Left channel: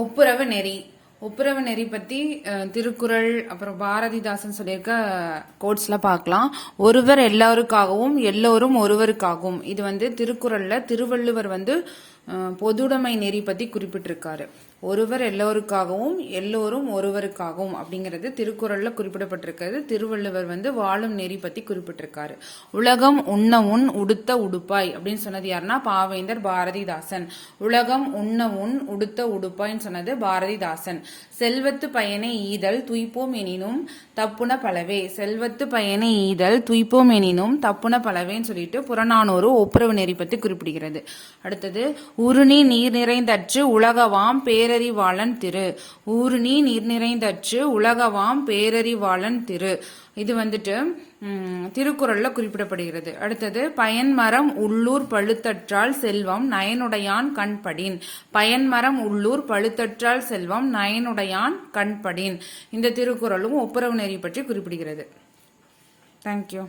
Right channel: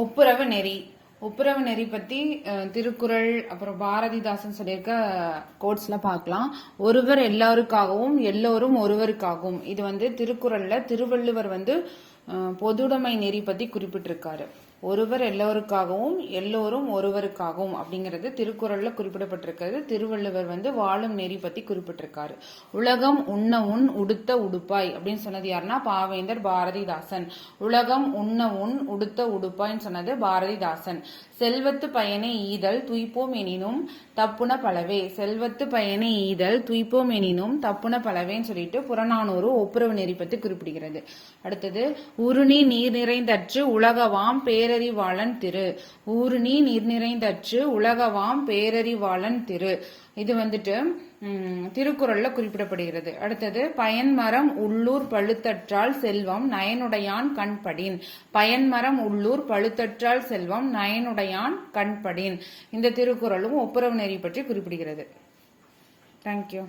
ஒப்புரவு நெறி. ஒப்புரவு நெறி பத்தி திருக்குறள் அப்புறம் பாரதிதாசன் சொல்லியிருக்க கோட்ஸ்ல பார்க்கலாம். ஒருவர் எல்லாருக்காகவும் எல்லோரும் ஒருவருக்காகவும். இது திருக்குறள்ல திருவள்ளுவர் பொதுடைமை நெறி பத்தி குறிப்பிட்டிருக்காரு. ஒருவர் எல்லோருக்காகவும் எல்லோரும் ஒருவருக்காகவும் அப்படிங்கிறது திருக்குறள்ல குறிப்பிடப்பட்டிருக்கிறது. திருவள்ளுவர் வாழும் நெறி பத்தி குறிப்பிட்டிருக்காரு. உலகம் உண்ண உண் உடுத்த உடுப்பாய் அப்படின்னு சொன்னது யாருன்னா பாவேந்தர் பாரதிதாசன். உலகம் உண்ண உண் உடுத்த உடுப்பாய்ன்னு சொன்னது பாரதிதாசன். செல்வத்து பயனை ஈதல் துய்ப்போம் எனினும் தப்புன பலவே. செல்வத்து பயனை ஈதல் துய்ப்போம் எனினும் தப்புன பலவேன்னு சொல்லிட்டு புறநானூறு ஒப்புரவு நெறி பத்தி குறிப்பிடுகிறது. அடுத்தது ஊருணி நீர் நிறைந்தற்று உலகவாம் பேரறிவாளன் திரு. ஊருணி நீர் நிறைந்தற்று உலகவாம் பேரறிவாளன் திரு. இது திருக்குறள்ல குறிப்பிடப்படுகிறது. அடுத்தது பயன்மரம் உள்ளூர் பழுத்தற்றால் செல்வம் நயனுடையான் கண்படின். பயன்மரம் உள்ளூர் பழுத்தற்றால் செல்வம் நயனுடையான் கண்படின். இந்த திருக்குறளும் ஒப்புரவு நெறி பற்றி குறிப்பிடுகிறது. தேங்க்யூ.